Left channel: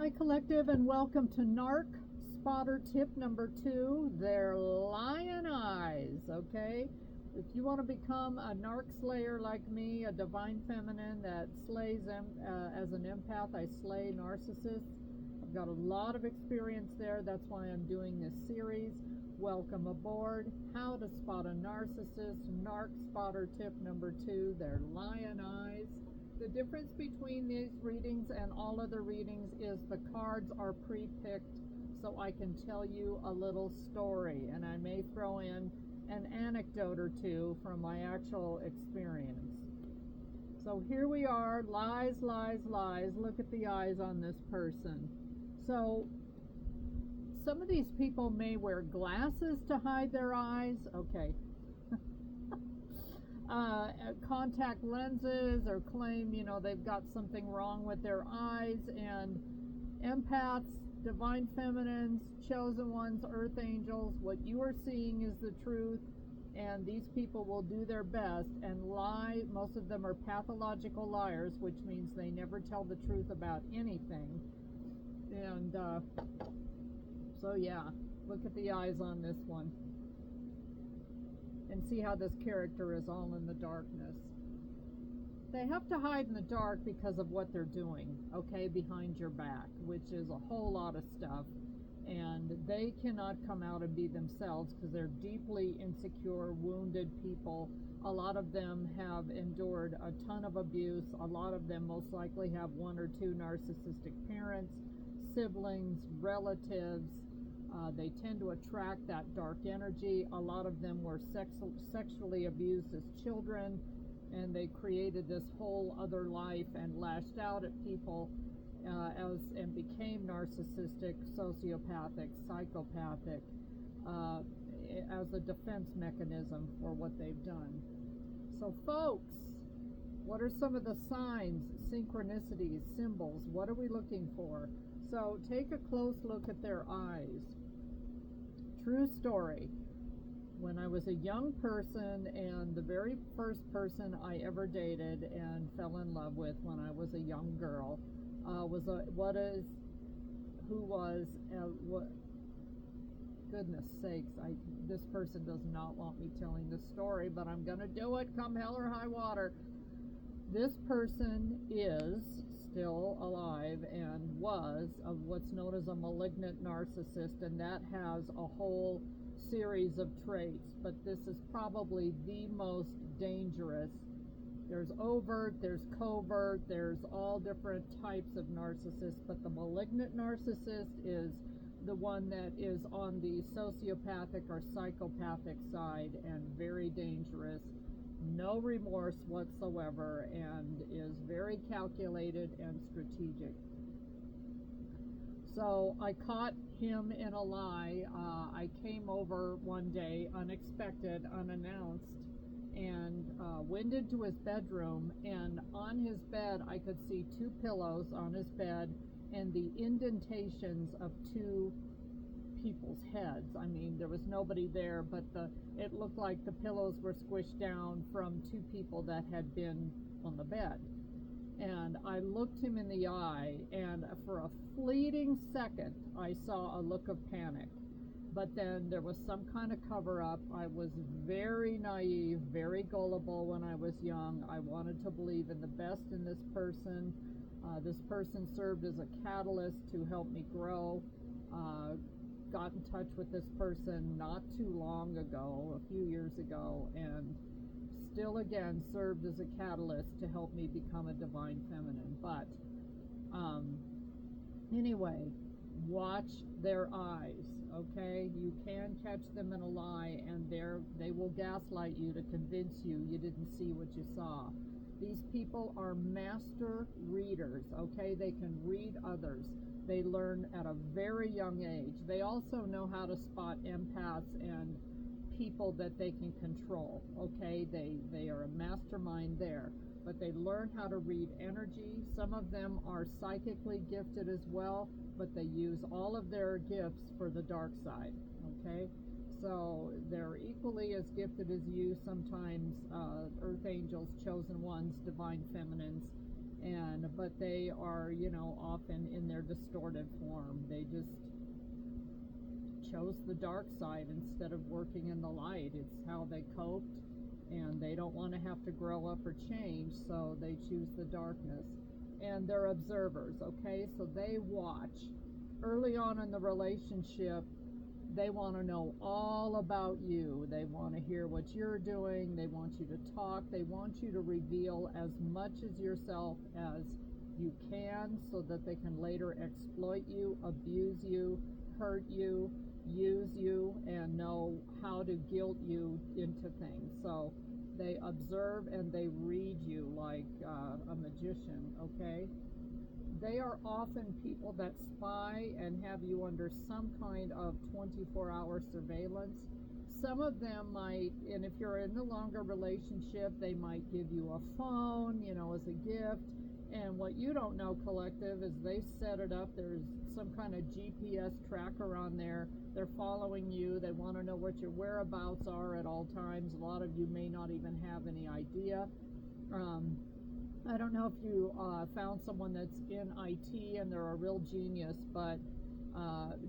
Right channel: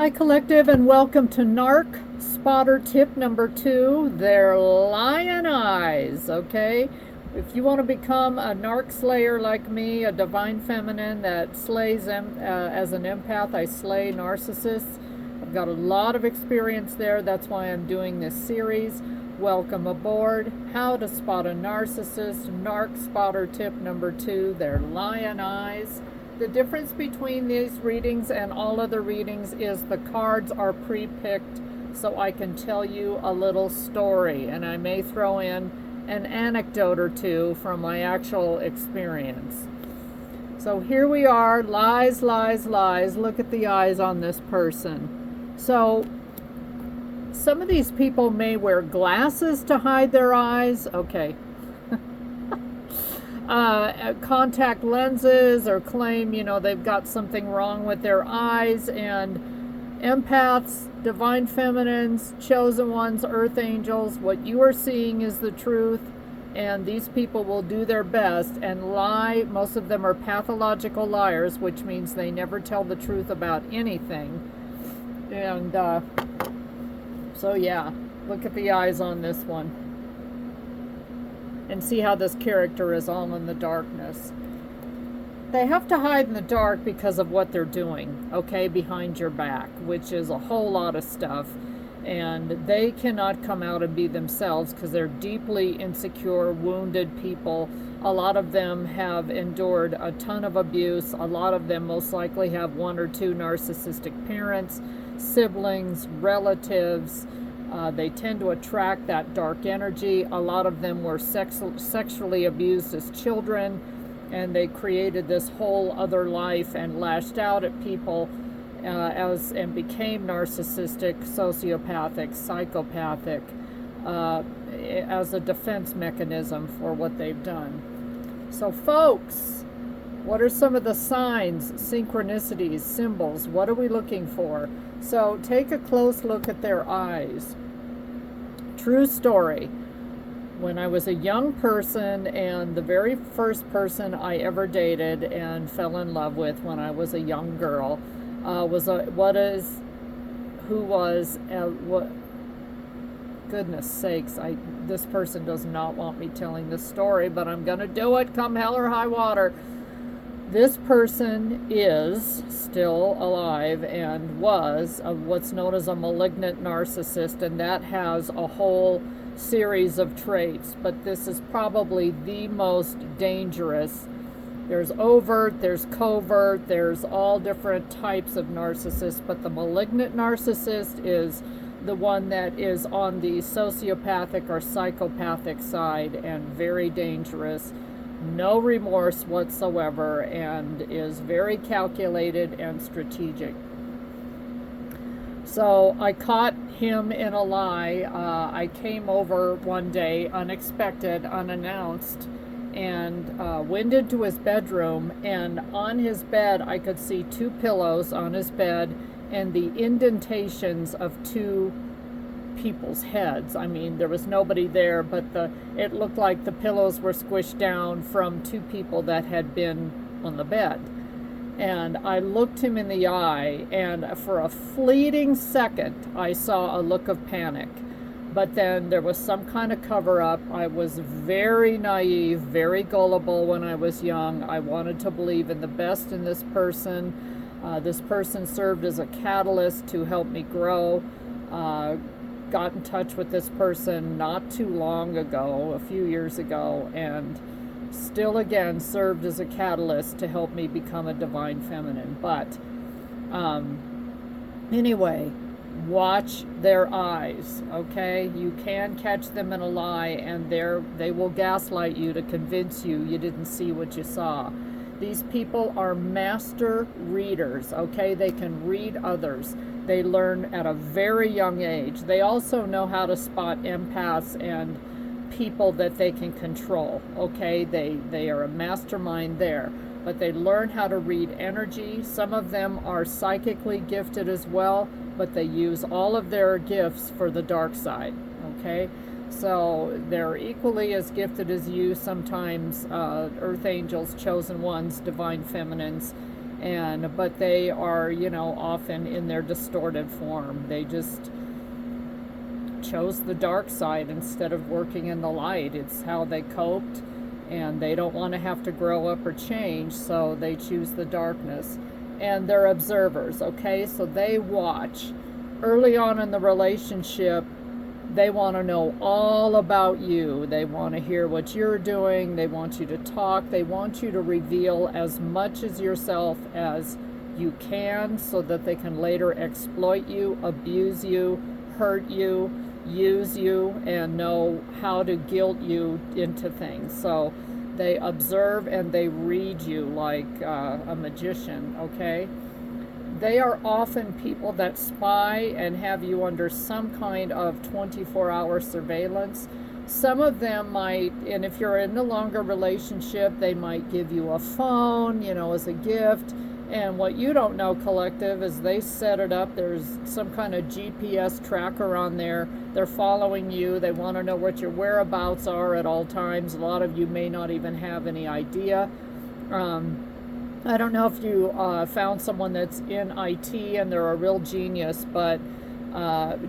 Hi Collective, and welcome to Narc Spotter Tip number 2, their lion eyes. Okay, if you want to become a narc slayer like me, a divine feminine that slays as an empath, I slay narcissists. I've got a lot of experience there. That's why I'm doing this series. Welcome aboard. How to spot a narcissist. Narc Spotter Tip number 2, their lion eyes. The difference between these readings and all other readings is the cards are pre-picked, so I can tell you a little story, and I may throw in an anecdote or two from my actual experience. So here we are, lies, lies, lies. Look at the eyes on this person. So some of these people may wear glasses to hide their eyes. Okay. Contact lenses, or claim, they've got something wrong with their eyes. And empaths, divine feminines, chosen ones, earth angels, what you are seeing is the truth, and these people will do their best and lie. Most of them are pathological liars, which means they never tell the truth about anything. And so yeah, look at the eyes on this one. And see how this character is all in the darkness. They have to hide in the dark because of what they're doing, okay, behind your back, which is a whole lot of stuff. And they cannot come out and be themselves because they're deeply insecure, wounded people. A lot of them have endured a ton of abuse. A lot of them most likely have 1 or 2 narcissistic parents, siblings, relatives. They tend to attract that dark energy. A lot of them were sexually abused as children, and they created this whole other life and lashed out at people and became narcissistic, sociopathic, psychopathic as a defense mechanism for what they've done. So folks, what are some of the signs, synchronicities, symbols? What are we looking for? So take a close look at their eyes. True story. When I was a young person, and the very first person I ever dated and fell in love with when I was a young girl goodness sakes, this person does not want me telling this story, but I'm gonna do it come hell or high water. This person is still alive and was what's known as a malignant narcissist, and that has a whole series of traits, but this is probably the most dangerous. There's overt, there's covert, there's all different types of narcissists, but the malignant narcissist is the one that is on the sociopathic or psychopathic side and very dangerous. No remorse whatsoever, and is very calculated and strategic. So I caught him in a lie. I came over one day, unexpected, unannounced, and went into his bedroom, and on his bed I could see 2 pillows on his bed and the indentations of 2 people's heads. I mean, there was nobody there, but it looked like the pillows were squished down from 2 people that had been on the bed. And I looked him in the eye, and for a fleeting second I saw a look of panic, but then there was some kind of cover-up. I was very naive, very gullible when I was young. I wanted to believe in the best in this person. This person served as a catalyst to help me grow. Got in touch with this person not too long ago, a few years ago, and still again served as a catalyst to help me become a divine feminine. But anyway, watch their eyes, okay? You can catch them in a lie, and they will gaslight you to convince you didn't see what you saw. These people are master readers, okay? They can read others. They learn at a very young age. They also know how to spot empaths and people that they can control, okay? They are a mastermind there, but they learn how to read energy. Some of them are psychically gifted as well, but they use all of their gifts for the dark side, okay? So they're equally as gifted as you, sometimes earth angels, chosen ones, divine feminines, but they are, you know, often in their distorted form. They just chose the dark side instead of working in the light. It's how they coped, and they don't want to have to grow up or change, so they choose the darkness. And they're observers, okay? So they watch. Early on in the relationship, they want to know all about you. They want to hear what you're doing. They want you to talk. They want you to reveal as much as yourself as you can so that they can later exploit you, abuse you, hurt you, use you, and know how to guilt you into things. So they observe and they read you like a magician, okay? They are often people that spy and have you under some kind of 24-hour surveillance. Some of them might, and if you're in a longer relationship, they might give you a phone, you know, as a gift. And what you don't know, collective, is they set it up. There's some kind of GPS tracker on there. They're following you. They want to know what your whereabouts are at all times. A lot of you may not even have any idea. I don't know if you found someone that's in IT and they're a real genius, but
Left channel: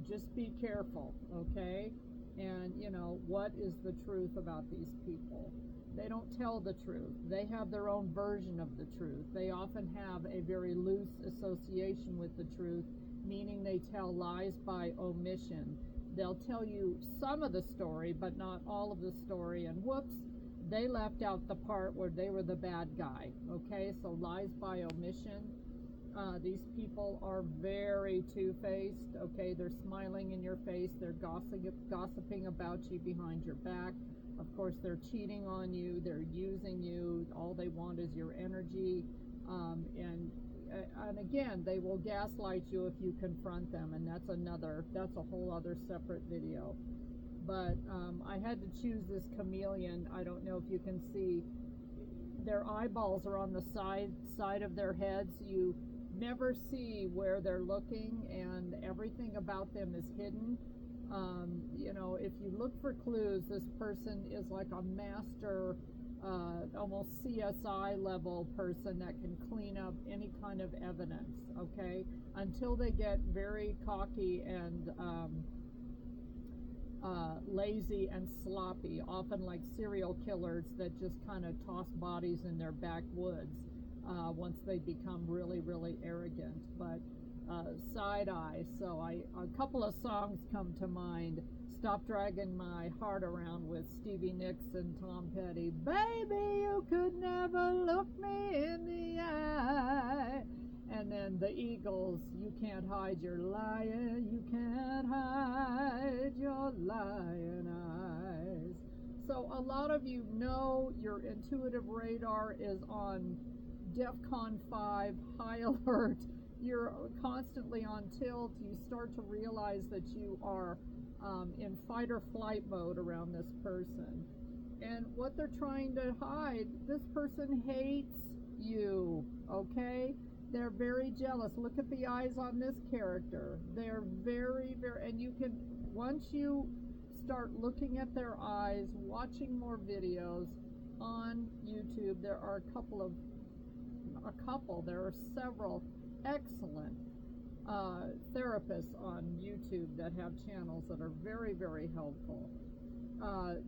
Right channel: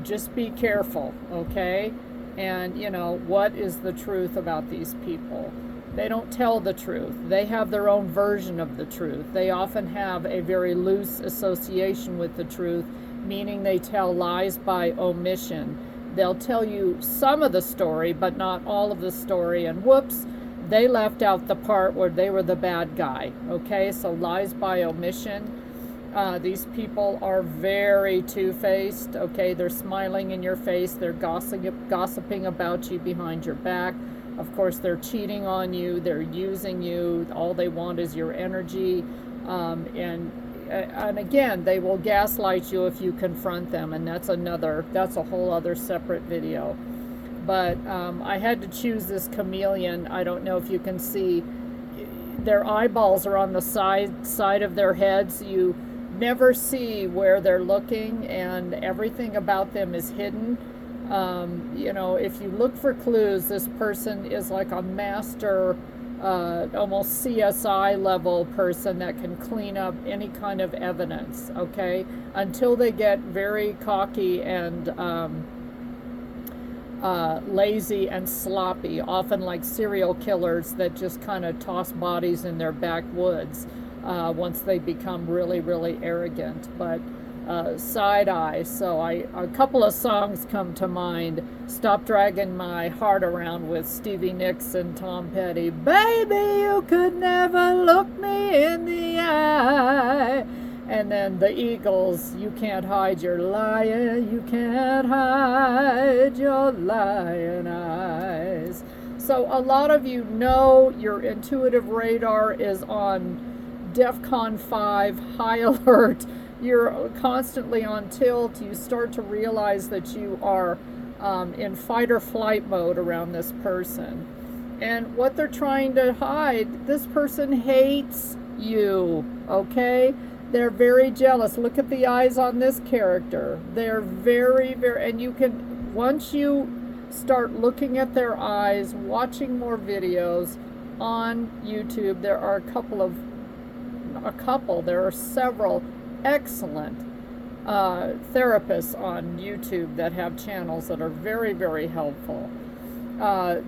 just be careful, okay? And, you know, what is the truth about these people? They don't tell the truth. They have their own version of the truth. They often have a very loose association with the truth, meaning they tell lies by omission. They'll tell you some of the story, but not all of the story, and whoops, they left out the part where they were the bad guy, okay? So lies by omission. These people are very two-faced, okay? They're smiling in your face. They're gossiping about you behind your back. Of course, they're cheating on you. They're using you. All they want is your energy. And again, they will gaslight you if you confront them, and that's a whole other separate video. But I had to choose this chameleon. I don't know if you can see. Their eyeballs are on the side of their heads. You never see where they're looking, and everything about them is hidden. You know, if you look for clues, this person is like a master, almost CSI level person that can clean up any kind of evidence, okay? Until they get very cocky and lazy and sloppy, often like serial killers that just kind of toss bodies in their backwoods once they become really, really arrogant. But side eye, so a couple of songs come to mind. Stop Dragging My Heart Around with Stevie Nicks and Tom Petty. Baby, you could never look me in the eye. And then the Eagles, You Can't Hide Your Lying, You Can't Hide Your Lying Eyes. So a lot of you know your intuitive radar is on DEFCON 5, high alert. You're constantly on tilt. You start to realize that you are in fight or flight mode around this person. And what they're trying to hide, this person hates you, okay? They're very jealous. Look at the eyes on this character. They're very, very, and you can, once you start looking at their eyes, watching more videos on YouTube, there are there are several excellent therapists on YouTube that have channels that are very, very helpful.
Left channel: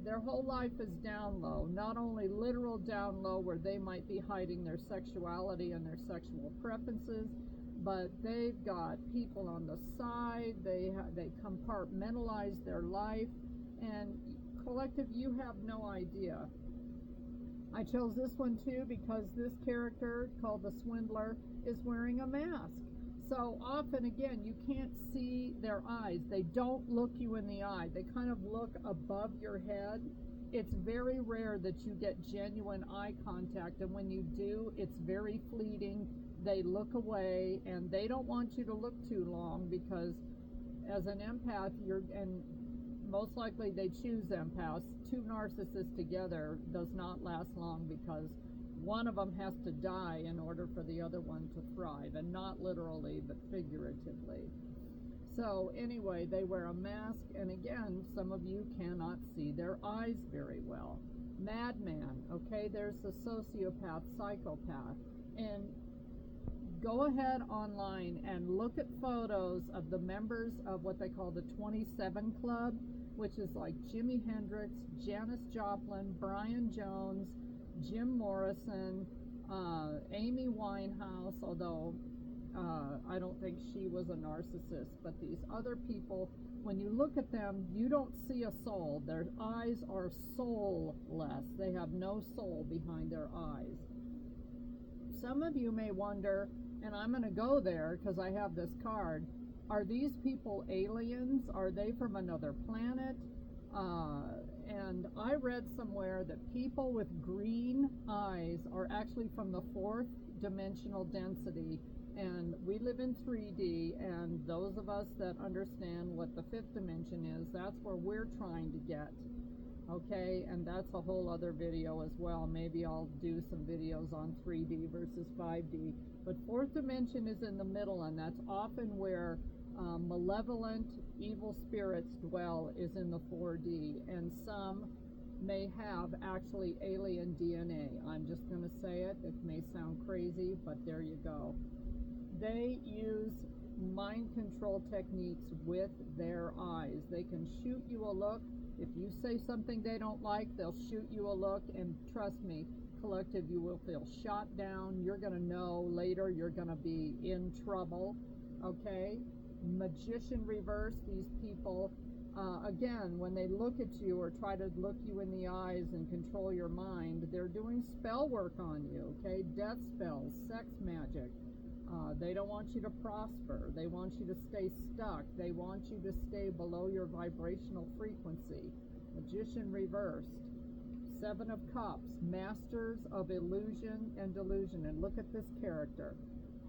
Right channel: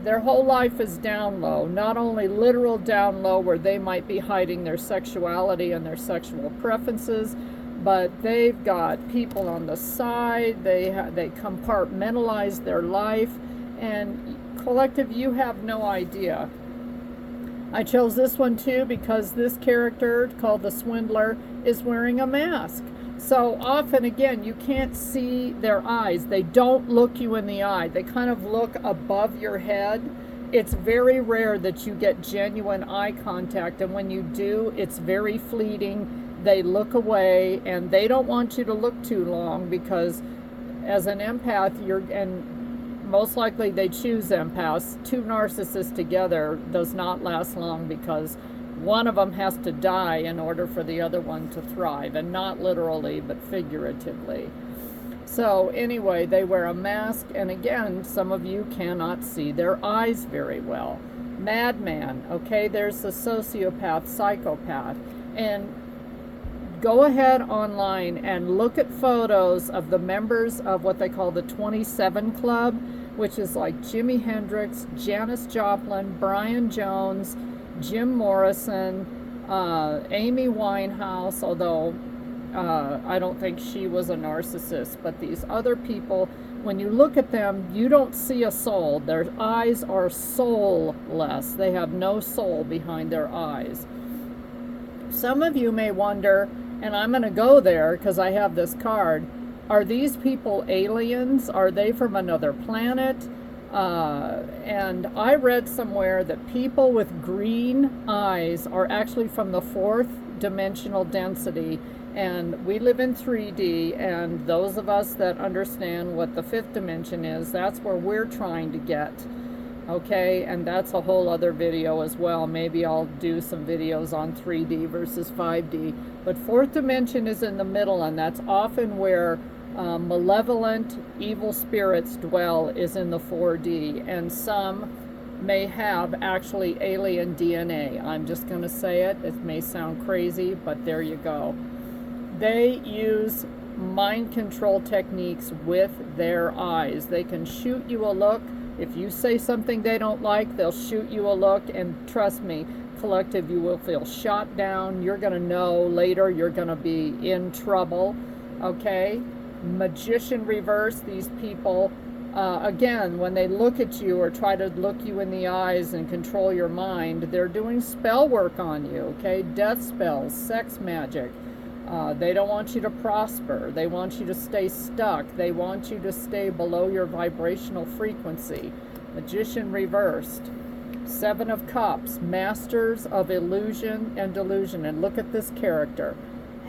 Their whole life is down low, not only literal down low where they might be hiding their sexuality and their sexual preferences, but they've got people on the side. They compartmentalize their life, and collective, you have no idea. I chose this one too because this character, called the Swindler, is wearing a mask. So often, again, you can't see their eyes. They don't look you in the eye. They kind of look above your head. It's very rare that you get genuine eye contact, and when you do, it's very fleeting. They look away, and they don't want you to look too long because as an empath, and most likely they choose empaths. Two narcissists together does not last long because one of them has to die in order for the other one to thrive, and not literally, but figuratively. So anyway, they wear a mask, and again, some of you cannot see their eyes very well. Madman, okay, there's the sociopath, psychopath, and go ahead online and look at photos of the members of what they call the 27 Club, which is like Jimi Hendrix, Janis Joplin, Brian Jones, Jim Morrison, Amy Winehouse, although I don't think she was a narcissist, but these other people, when you look at them, you don't see a soul. Their eyes are soulless. They have no soul behind their eyes. Some of you may wonder, and I'm going to go there because I have this card, are these people aliens? Are they from another planet? And I read somewhere that people with green eyes are actually from the 4th dimensional density, and we live in 3D, and those of us that understand what the 5th dimension is, that's where we're trying to get. Okay, and that's a whole other video as well. Maybe I'll do some videos on 3D versus 5D. But 4th dimension is in the middle, and that's often where malevolent evil spirits dwell, is in the 4D. And some may have actually alien DNA. I'm just going to say it. It may sound crazy, but there you go. They use mind control techniques with their eyes. They can shoot you a look. If you say something they don't like, they'll shoot you a look, and trust me, collective, you will feel shot down. You're going to know later you're going to be in trouble, okay? Magician reverse, these people, again, when they look at you or try to look you in the eyes and control your mind, they're doing spell work on you, okay? Death spells, sex magic. They don't want you to prosper. They want you to stay stuck. They want you to stay below your vibrational frequency. Magician reversed. 7 of Cups, masters of illusion and delusion. And look at this character.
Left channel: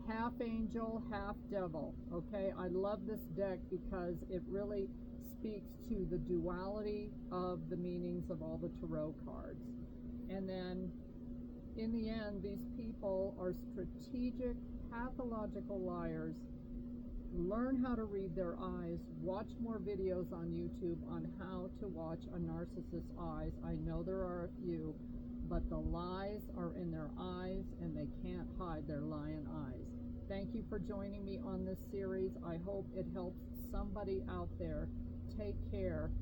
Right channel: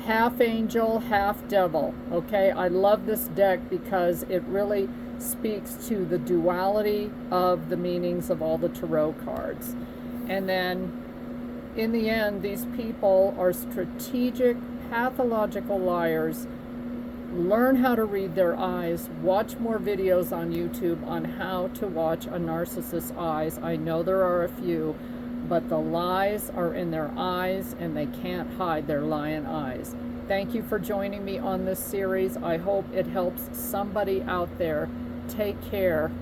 Half angel, half devil. Okay, I love this deck because it really speaks to the duality of the meanings of all the tarot cards. And then in the end, these people are strategic, pathological liars. Learn how to read their eyes. Watch more videos on YouTube on how to watch a narcissist's eyes. I know there are a few, but the lies are in their eyes, and they can't hide their lion eyes. Thank you for joining me on this series. I hope it helps somebody out there. Take care.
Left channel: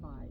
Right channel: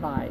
Bye.